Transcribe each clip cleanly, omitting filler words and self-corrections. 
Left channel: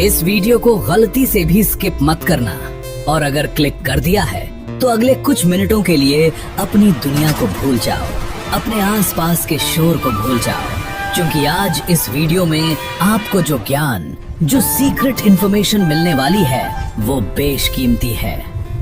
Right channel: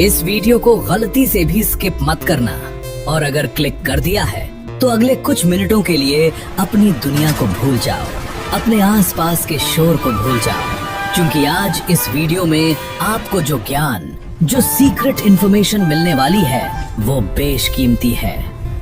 इस वीडियो को गलती से भी स्किप मत करना और अगर क्लिक कर दिया है तो अगले कुछ मिनटों के लिए अपनी दुनिया को भूल जाओ, अपने आसपास के शोर को भूल जाओ, क्योंकि आज इस वीडियो में आपको जो ज्ञान, जो सीक्रेट इंफॉर्मेशन मिलने वाली है वो बेशकीमती है।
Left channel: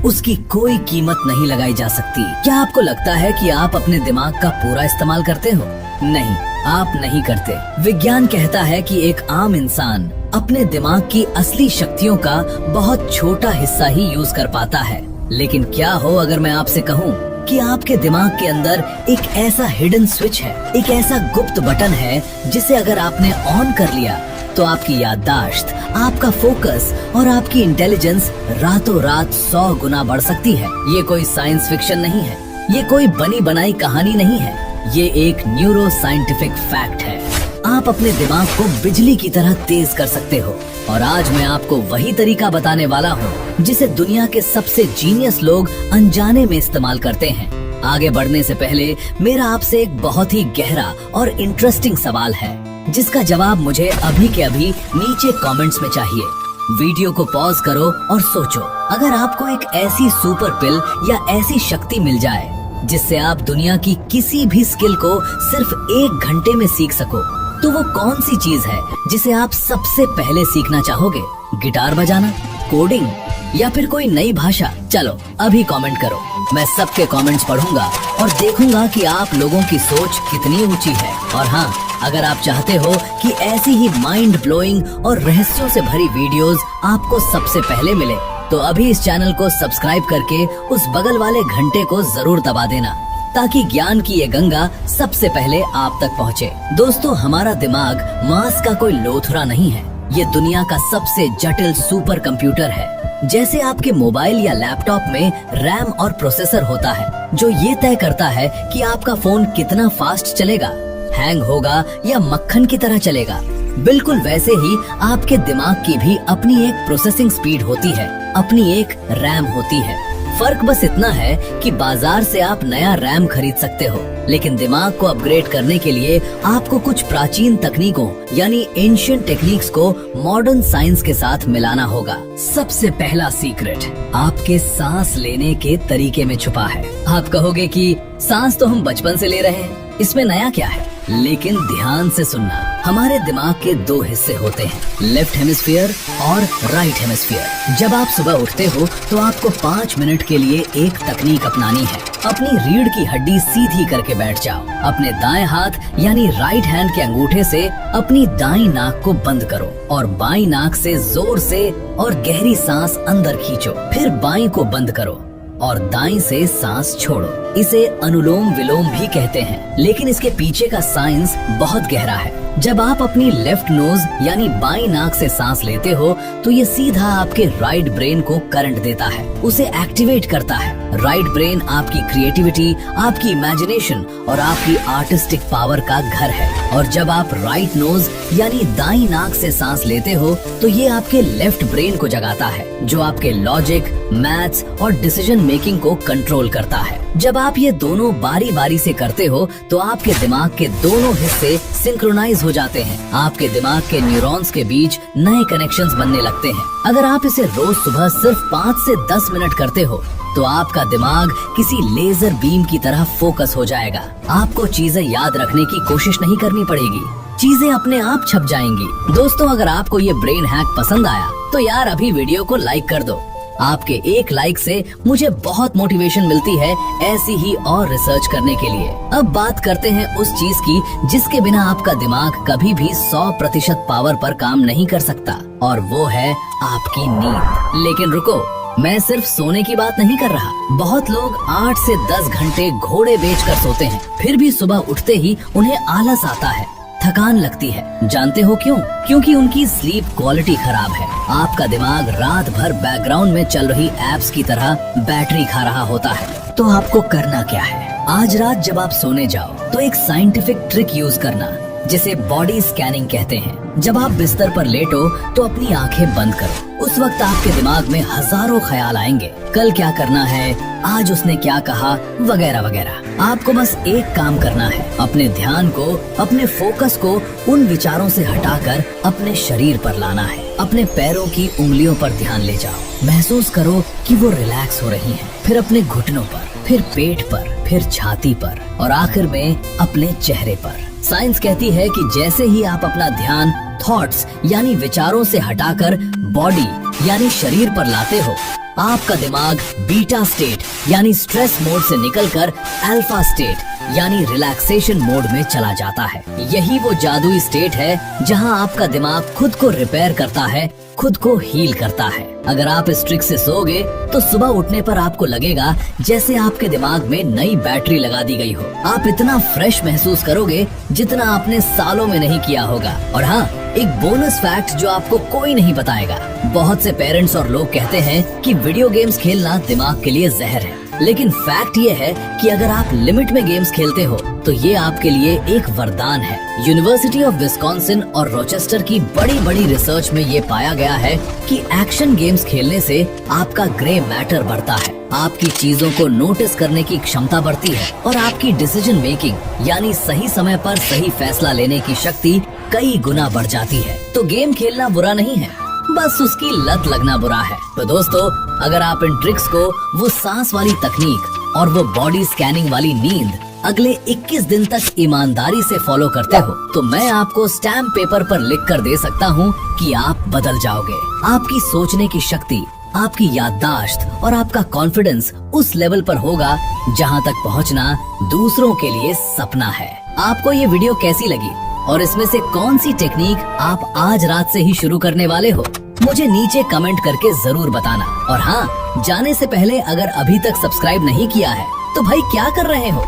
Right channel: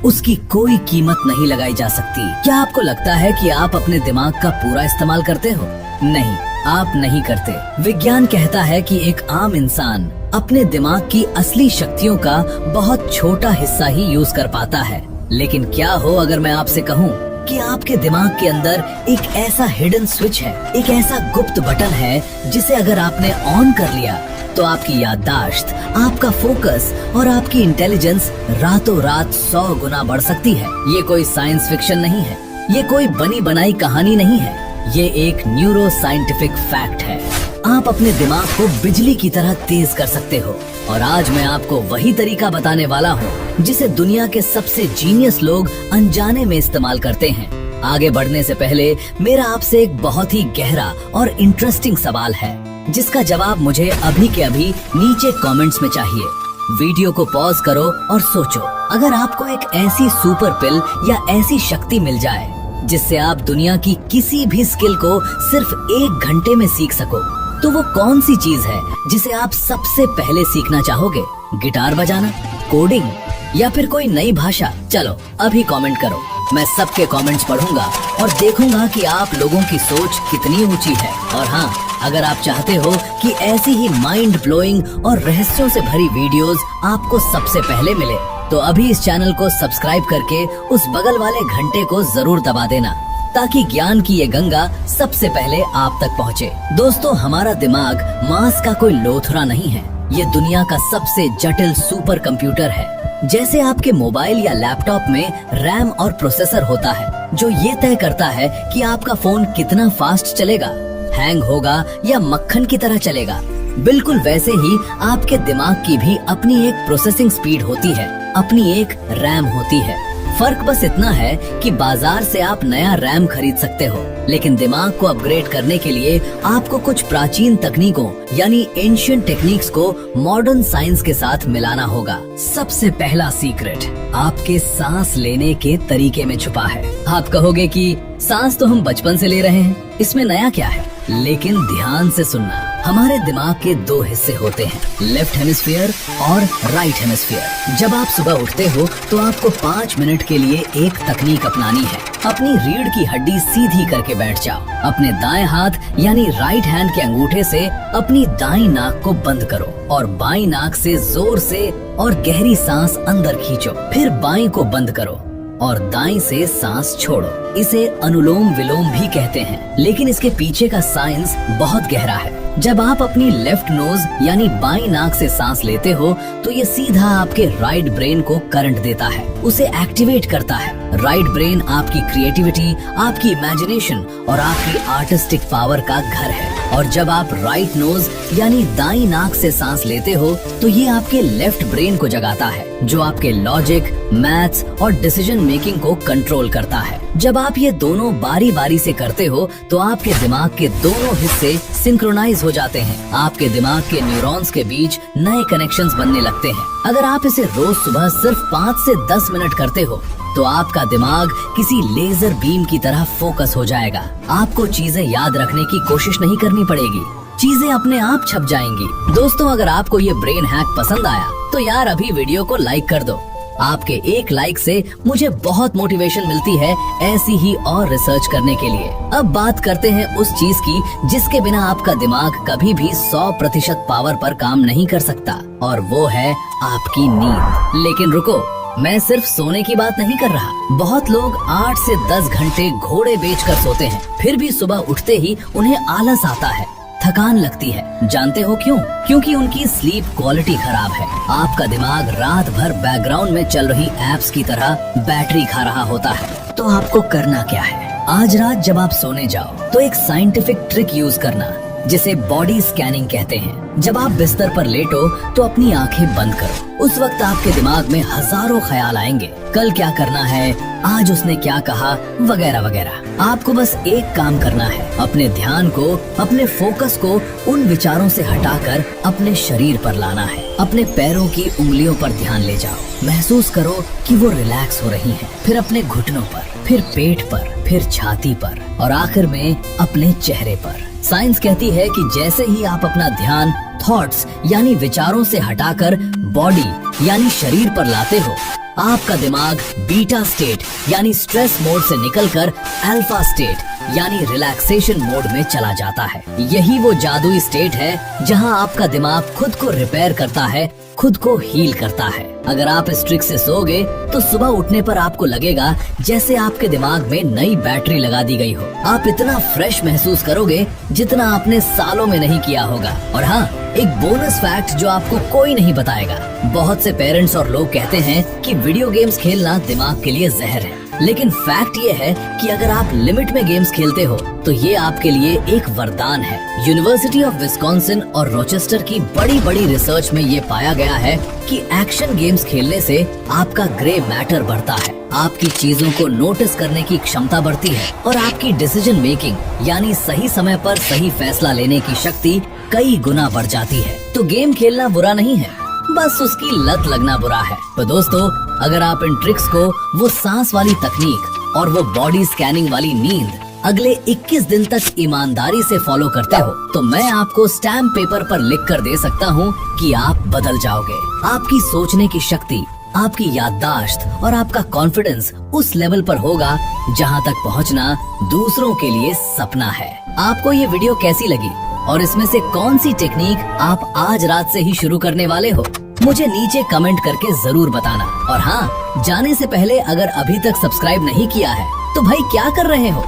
उसकी कोई कीमत नहीं लगाई जा सकती। क्या आपको लगता है कि आप अपने दिमाग का पूरा इस्तेमाल करते हो? नहीं, आप नहीं करते। विज्ञान कहता है कि एक आम इंसान अपने दिमाग की असली शक्तियों का बहुत छोटा हिस्सा ही यूज कर पाता है। लेकिन क्या हो अगर मैं आपसे कहूँ कि आपके दिमाग के अंदर एक ऐसा हिडन स्विच है, एक ऐसा गुप्त बटन है जिसे अगर आपने ऑन कर लिया तो आपकी याददाश्त, आपका फोकस और आपकी इंटेलिजेंस रातों रात 100 गुना बढ़ सकती है। ये कोई साइंस फिक्शन नहीं है, ये कोई बनी बनाई कहानी नहीं है, ये एक न्यूरो साइंटिफिक फैक्ट है। आप अपने दिमाग को बिजली की तरह तेज कर सकते हो और आज मैं आपको वही तरीका बताने वाला हूँ जिसे दुनिया के सबसे जीनियस लोग अनजाने में इस्तेमाल करते हैं। आगे बढ़ने से पहले मेरा आपसे एक बहुत ही गहरा और इंटरेस्टिंग सवाल है जिसका जवाब मुझे अभी के अभी नीचे कमेंट्स में चाहिए। वीडियो को पॉज करो और सोचो, अगर आपको एक ऐसी सुपर पिल या ऐसी शक्ति मिल जाए जिससे आप दुनिया की किसी भी स्किल को सिर्फ 1 घंटे में सीख सको, तो वो कौन सी चीज है जिसे आप सबसे पहले सीखना चाहोगे? गिटार बजाना, कोडिंग या फिर कोई नई भाषा? चलो अभी कमेंट करो, मैं सबके कमेंट्स पढ़ूंगा और देखूंगा कि आप लोगों की सोच कितनी ऊंची है। और हाँ, अगर आप चाहते हो कि ऐसी ही माइंड ब्लोइंग और रहस्यों से भरी वीडियोस आपको सबसे पहले मिले, तो अभी इस चैनल को सब्सक्राइब करके उस बगल वाले घंटे को जरूर दबा देना ताकि ज्ञान की ये गंगा सबसे पहले आप तक पहुँचे। दोस्तों, हमारा दिमाग मांस का कोई लोथड़ा नहीं है, ये दुनिया का सबसे जटिल सुपर कंप्यूटर है। जैसे आपके मोबाइल या लैपटॉप में रैम और प्रोसेसर होता है जो ये तय करता है कि आपका फोन कितना फास्ट चलेगा, हैंग होगा या मक्खन की तरह चलेगा, बिल्कुल वैसे ही आपके दिमाग की भी अपनी एक प्रोसेसिंग स्पीड होती है, अपनी एक रैम होती है। फर्क बस इतना है कि बाजार से आप नया रैम खरीद सकते हो, लेकिन दिमाग को अपग्रेड करने के लिए आपको कुछ प्राचीन तकनीकों यानी एंशिएंट टेक्निक्स को मॉडर्न साइंस के साथ मिलाना होगा। सबसे पहला सीक्रेट आपके सांस लेने के तरीके में छुपा है। आप कहोगे कि सांस तो हम बचपन से ले रहे हैं, इसमें नया क्या है? लेकिन ध्यान से सुनना, हमारे दिमाग के 2 हिस्से होते हैं, लेफ्ट हेमिस्फीयर और राइट हेमिस्फीयर। जब आप सुबह उठते हो तो आपको 5 मिनट के लिए एक तकनीक अपनानी है। अपनी रीढ़ की हड्डी सीधी करके बैठ जाओ, अपने दाएं हाथ यानी राइट हैंड के अंगूठे से अपनी दाईं नाक को बंद करो और बाईं नाक से जोर से और गहरी सांस अंदर खींचो, फिर बाईं को बंद करो और दाईं से सांस छोड़ो। इसे अनुलोम विलोम भी कहते हैं, लेकिन इसके पीछे का साइंस बहुत गहरा है। जब आप अपनी लेफ्ट नोज यानी बाईं नाक से सांस लेते हो तो ये सीधा आपके राइट ब्रेन को करंट देता है, उसे एक्टिवेट करता है। राइट ब्रेन आपकी क्रिएटिविटी, आपकी इमेजिनेशन और आपकी आर्टिस्टिक पावर का घर है। और जब आप राइट नोज यानी दाईं नाक से सांस लेते हो तो ये आपके लेफ्ट ब्रेन को जगाता है, जो आपके लॉजिक, मैथ्स और डिसीजन मेकिंग को कंट्रोल करता है। जब आप ये दोनों बारी बारी से करते हो तो आपके दिमाग के दोनों हिस्से सिंक्रोनाइज हो जाते हैं, आपके दिमाग के न्यूरॉन्स के बीच नए कनेक्शंस बनने लगते हैं। अगर आप इसे रोज सुबह सिर्फ 5 से 10 मिनट करते हो तो आपका दिमाग किसी लेजर बीम की तरह फोकस हो जाएगा। आपको चीजें याद रखने की कोशिश नहीं करनी पड़ेगी, चीजें अपने आप छप जाएंगी। दोस्तों, अगर आपको ये ब्रेन हैक पसंद आया तो यार अभी वीडियो को लाइक कर दो। आपके एक लाइक से मुझे बहुत मोटिवेशन मिलती है ऐसी ही और रिसर्च करने के लिए। अब बात करते हैं उस चीज की जिसके बिना आपका दिमाग कभी भी 100% पावर पर काम नहीं कर सकता, और वो है आपकी नींद। लेकिन रुको, मैं सिर्फ सोने की बात नहीं कर रहा। बहुत लोग 8 से 10 घंटे घोड़े बेचकर सोते हैं, फिर भी सुबह उठते ही उन्हें आलस आता है, थकान लगती है। जानते हो क्यों? क्योंकि उनकी स्लीप क्वालिटी खराब है। आपका दिमाग रात भर बैकग्राउंड में चल रही एप्स की तरह बैटरी खा रहा होता है। तो आपको करना क्या है? आज रात जब आप सोने जाओ तो एक साइंटिफिक ट्रिक यूज करना। जिसे बॉडी स्कैनिंग कहते हैं। जब आप बिस्तर पर लेटो तो अपनी आंखें बंद करो। उस वक्त आपके दिमाग में हजारों ख्याल आएंगे, कल क्या करना है, आज उसने क्या कहा, वगैरह वगैरह। आपको बस एक काम करना है, अपने ध्यान को, अपने फोकस को उन विचारों से हटाकर अपने शरीर पर लाना है। अपने पैरों की उंगलियों पर ध्यान ले जाओ, महसूस करो कि वो रिलैक्स हो रही हैं। फिर अपने घुटनों पर, फिर पेट पर, फिर छाती पर और आखिर में अपने चेहरे पर। साइंस कहती है कि जैसे ही आप अपना ध्यान थॉट्स यानी विचारों से हटाकर बॉडी यानी शरीर पर लाते हो, आपका दिमाग बीटा स्टेट यानी स्ट्रेस मोड से निकलकर अल्फा स्टेट यानी रिलैक्सेशन मोड में चला जाता है। यही वो जादुई स्टेट है जहां आपका दिमाग खुद को रिपेयर करता है, खुद को हील करता है। अगर आप इस ट्रिक से सोओगे तो सुबह उठने पर आपको लगेगा जैसे आपके दिमाग में नई बैटरी लगा दी गई हो। आप इतना फ्रेश महसूस करोगे जितना आपने सालों में नहीं किया होगा। और हाँ, एक बोनस फैक्ट जो आपको कोई नहीं बताएगा, बहुत से पेरेंट्स और लोग कहते हैं कि वीडियो गेम्स खेलना दिमाग के लिए जहर है, लेकिन फैक्ट ये है कि अगर आप लिमिट में गेम्स खेलते हो तो ये आपके लिए एक वरदान है। यूनिवर्सिटी ऑफ विस्कॉन्सिन और रोचेस्टर की बड़ी रिसर्च में ये पाया गया है कि एक्शन गेम्स खेलने से आपका ग्रे मैटर बढ़ता है, आपकी चीजों को नोटिस करने की क्षमता बढ़ती है और आपकी डिसीजन मेकिंग यानी सही समय पर सही फैसला लेने की शक्ति कई गुना बढ़ जाती है। तो गेम खेलना बुरा नहीं है, बस उसकी लत लगना बुरा है। तो दोस्तों, अगर आप इन ट्रिक्स को, वो सांस वाली तकनीक और वो बॉडी स्कैनिंग वाली नींद अगले 21 दिन तक ईमानदारी से फॉलो करते हो तो मैं आपको स्टैम्प पेपर पर लिख कर दे सकता हूँ कि आप बदल जाओगे। आपकी सोचने की शक्ति, आपकी याददाश्त और आपका कॉन्फिडेंस उस लेवल पर होगा जहाँ तक पहुँचना दूसरों के लिए सपना है। आपको ये वीडियो कैसी लगी और इसमें से कौन सी टेक्निक आप आज रात से ही शुरू करने वाले हो, मुझे नीचे कमेंट करके जरूर बताना। और हाँ, जाने से पहले अगर अभी तक सब्सक्राइब नहीं किया है तो भाई क्या कर रहे हो,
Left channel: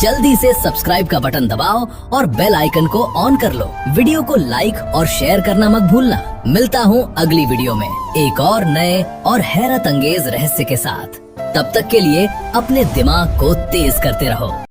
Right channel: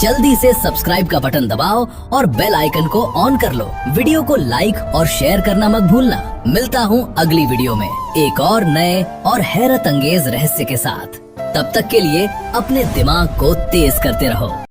जल्दी से सब्सक्राइब का बटन दबाओ और बेल आइकन को ऑन कर लो। वीडियो को लाइक और शेयर करना मत भूलना। मिलता हूँ अगली वीडियो में एक और नए और हैरत अंगेज रहस्य के साथ। तब तक के लिए अपने दिमाग को तेज करते रहो।